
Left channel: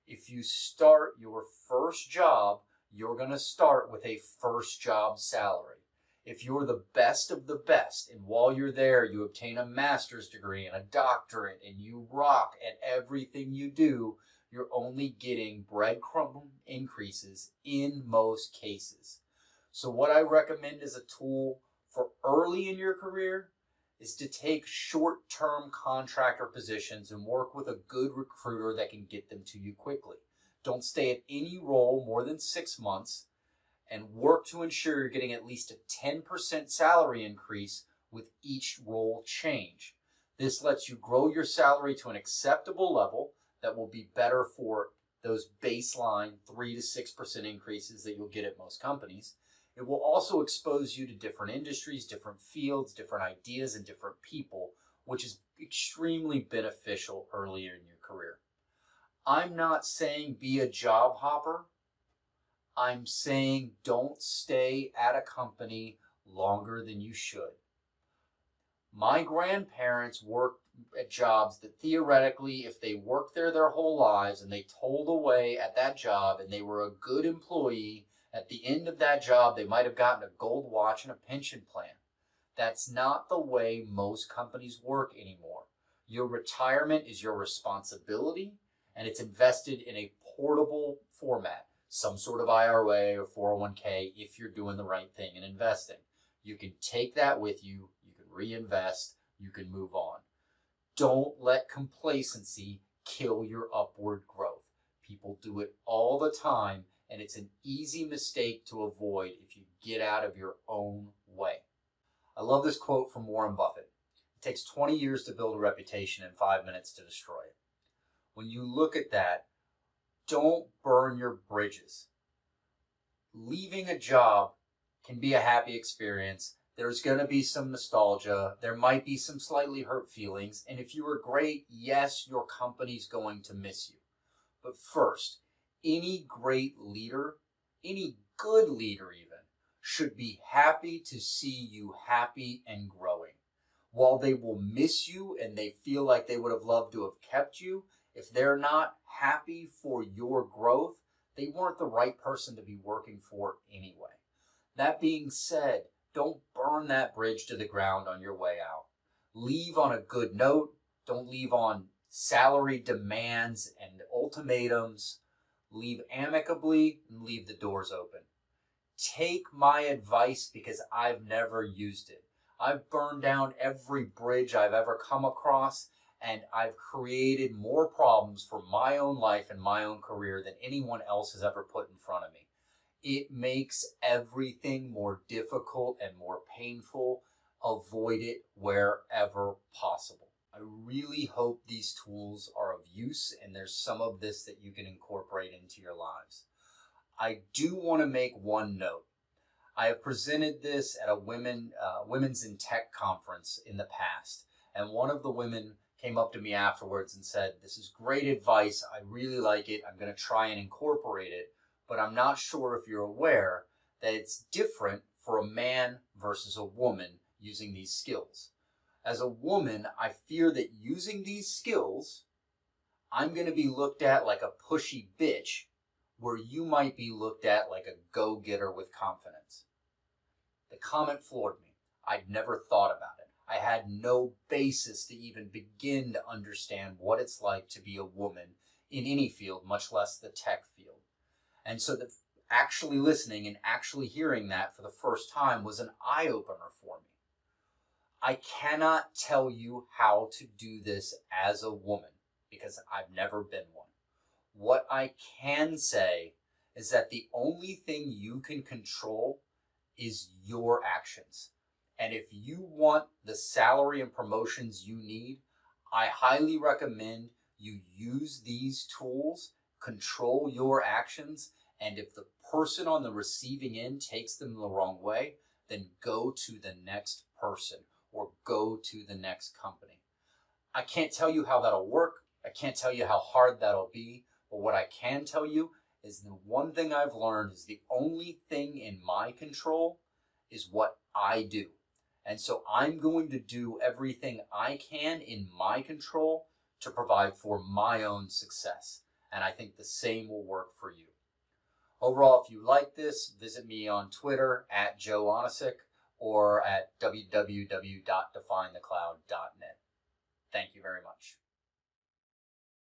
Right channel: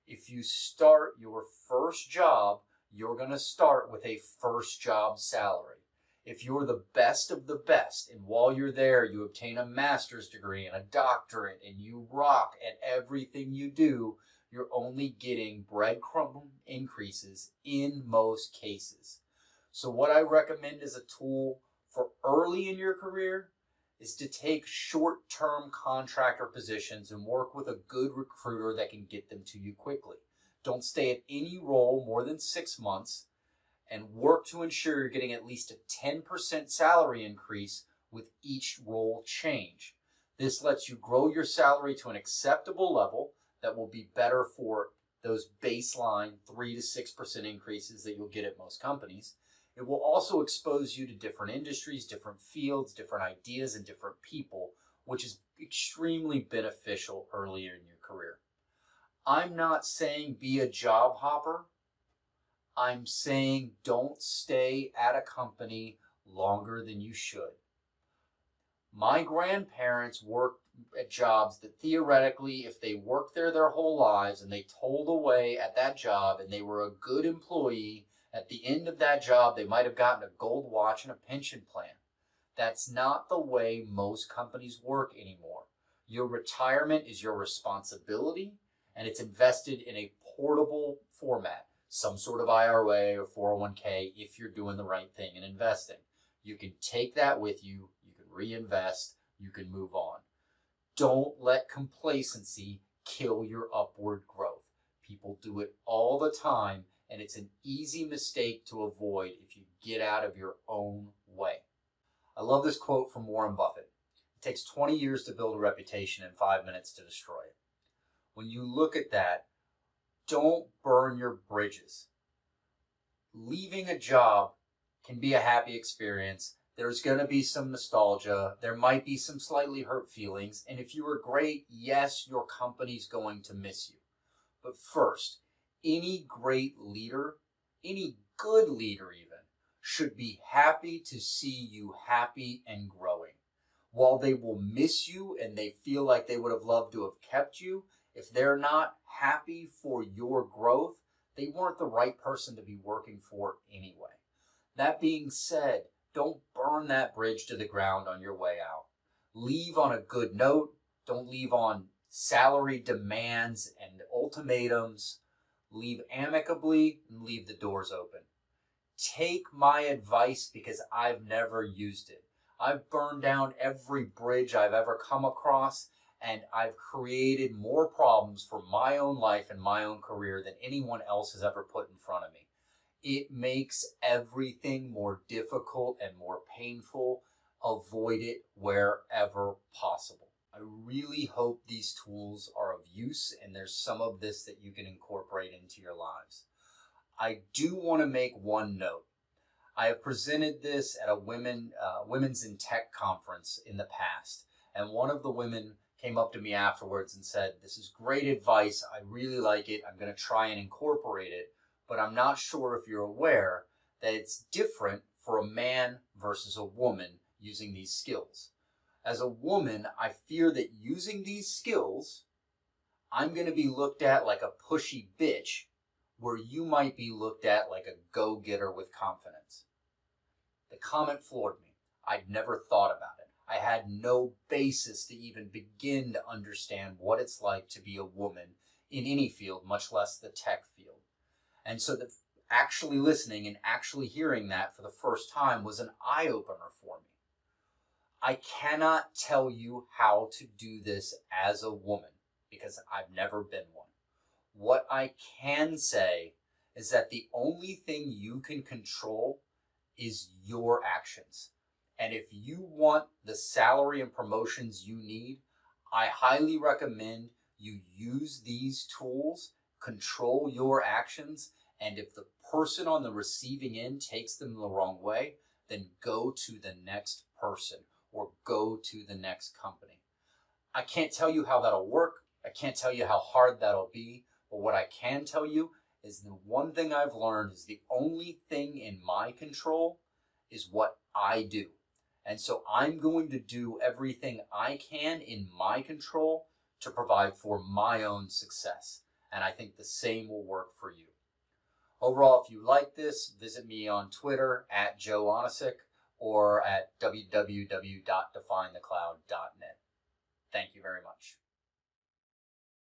If you start your first job, you're going to start with a first job salary. If you're the best of the best, and while you're there, you obtain a master's degree and a doctorate, and you rock at everything you do, you're only getting breadcrumb increases in most cases. So what I recommend as a tool for early in your career is to take short-term contractor positions and work with a good recruiter that can get them to you quickly. Don't stay at any role more than 6 months, and work to ensure you're getting at least a 10% salary increase with each role change. This lets you grow your salary to an acceptable level that will be better for those baseline 3 to 6% increases that you'll get at most companies. It will also expose you to different industries, different fields, different ideas, and different people, which is extremely beneficial earlier in your career. I'm not saying be a job hopper. I'm saying don't stay at a company longer than you should. My grandparents worked at jobs that theoretically, if they worked there their whole lives and they toiled away at that job and they were a good employee, at the end of that job, they might have gotten a gold watch and a pension plan. That's not the way most companies work anymore. Your retirement is your responsibility, and it's invested in a portable format, some sort of IRA or 401k if you're doing the right thing in investing. You can take that with you, you can reinvest, you can move on. Don't let complacency kill your upward growth. People do it all the time, and it's an easy mistake to avoid if you get out of your own way. I love this quote from Warren Buffett. It takes 20 years to build a reputation and 5 minutes to destroy it. When you look at that, don't burn your bridges. Leaving a job can be a happy experience. There's going to be some nostalgia. There might be some slightly hurt feelings. And if you were great, yes, your company's going to miss you. But first, any great leader, any good leader even, should be happy to see you happy and growing. While they will miss you and they feel like they would have loved to have kept you, if they're not happy for your growth, they weren't the right person to be working for anyway. That being said, don't burn that bridge to the ground on your way out. Leave on a good note. Don't leave on salary demands and ultimatums. Leave amicably and leave the doors open. Take my advice because I've never used it. I've burned down every bridge I've ever come across, and I've created more problems for my own life and my own career than anyone else has ever put in front of me. It makes everything more difficult and more painful. Avoid it wherever possible. I really hope these tools are of use and there's some of this that you can incorporate into your lives. I do want to make one note. I have presented this at a Women's in Tech conference in the past, and one of the women came up to me afterwards and said, "This is great advice. I really like it. I'm going to try and incorporate it, but I'm not sure if you're aware that it's different for a man versus a woman using these skills. As a woman, I fear that using these skills, I'm going to be looked at like a pushy bitch, where you might be looked at like a go-getter with confidence." The comment floored me. I'd never thought about it. I had no basis to even begin to understand what it's like to be a woman in any field, much less the tech field. And so actually listening and actually hearing that for the first time was an eye-opener for me. I cannot tell you how to do this as a woman because I've never been one. What I can say is that the only thing you can control is your actions. And if you want the salary and promotions you need, I highly recommend you use these tools, control your actions, and if the person on the receiving end takes them the wrong way, then go to the next person or go to the next company. I can't tell you how that'll work. I can't tell you how hard that'll be. But what I can tell you is the one thing I've learned is the only thing in my control is what I do. And so I'm going to do everything I can in my control to provide for my own success. And I think the same will work for you. Overall, if you like this, visit me on Twitter at Joe Onisick or at www.definethecloud.net. Thank you very much.